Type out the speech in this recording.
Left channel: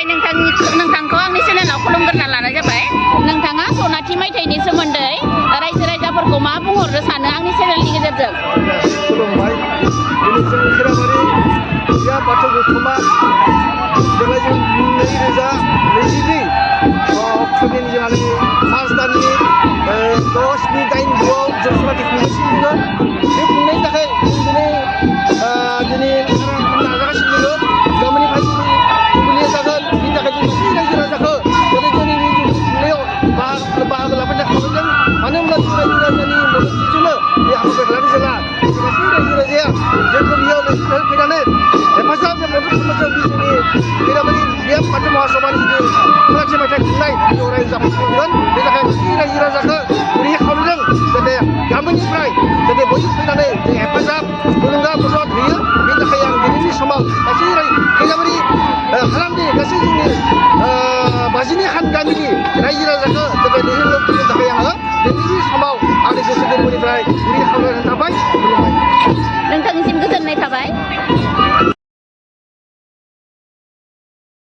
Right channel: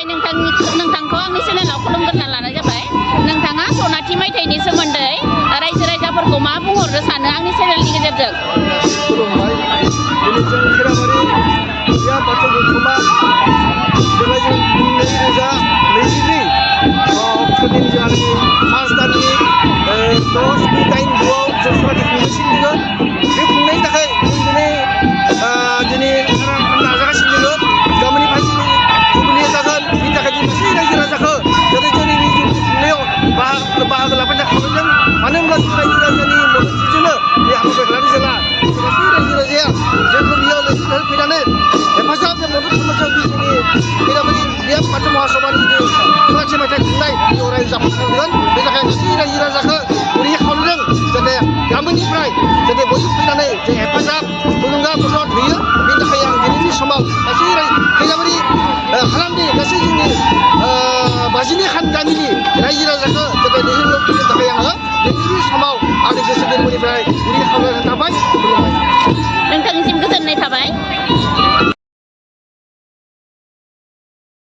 गिबियावहाय नोंथांखौ आंनि चेनेलाव खुलुमग्रोना लानाय जाबाय। नोंथाङा सनाथि मायथाइनि सोमोन्दै रायजो राजाफोरखौ मा बुंहरनो सानो आंनि चेनेलनि गेजेरजों? खुलुमबाय। दिनै जों खैराबारि बिया बाथौ गौथुमा देग्लाय जों 2022 अक्ट'नि जोंहानि मार्च दाननि 10/8/9 जों सनाथि खुंगासिनो दङ। बे खुंनायनि थाखाय जों दिनै नाजागासिनो दङ। गाबोननिफ्राय दिनै जुबिलि जागोन। बिनि थाखाय जों गासै रायजो राजाखौ जाहाथे जोंनि बे जुबिलि खुंनायाव बाहागो लाफैनो खावलायदों। मानो होनब्ला जों रायजो राजानि मददथिजोंनो बे हाबाफारिखौ लानाय जाला। गासै रायजो राजाया जोंखौ बेयाव लैखोन फैनानै हेफाजाब मदद खालामदों। बे जोंनि खैराबारि बिया बाथौ महासभानि जिथु सनाथि मायथाइ खुंनाय बेयाव रायजो जाफुंसारगोन। बेनि थाखाय गासै रायजो राजाखौ गुरै खावलायदों जाहाथे गामिनिफ्राय जाहाथे बयबो फैनानै जों हेफाजाब थुलुंगा मदद होयो। बेनि थाखाय आं दिनैनि समाव गासै खैराबारि हालामनि गासै जोंनि 52 खान गामिनि रायजो राजाखौ जाहाथे लैहोर फैनो थाखाय आङो दिनैनि समाव आंनि गोसो गोरबोनिफ्राय गुरै खावलायनाय थाबाय। खुलुमबाय। नोंथांनिसिम गोजोननाय थाबाय।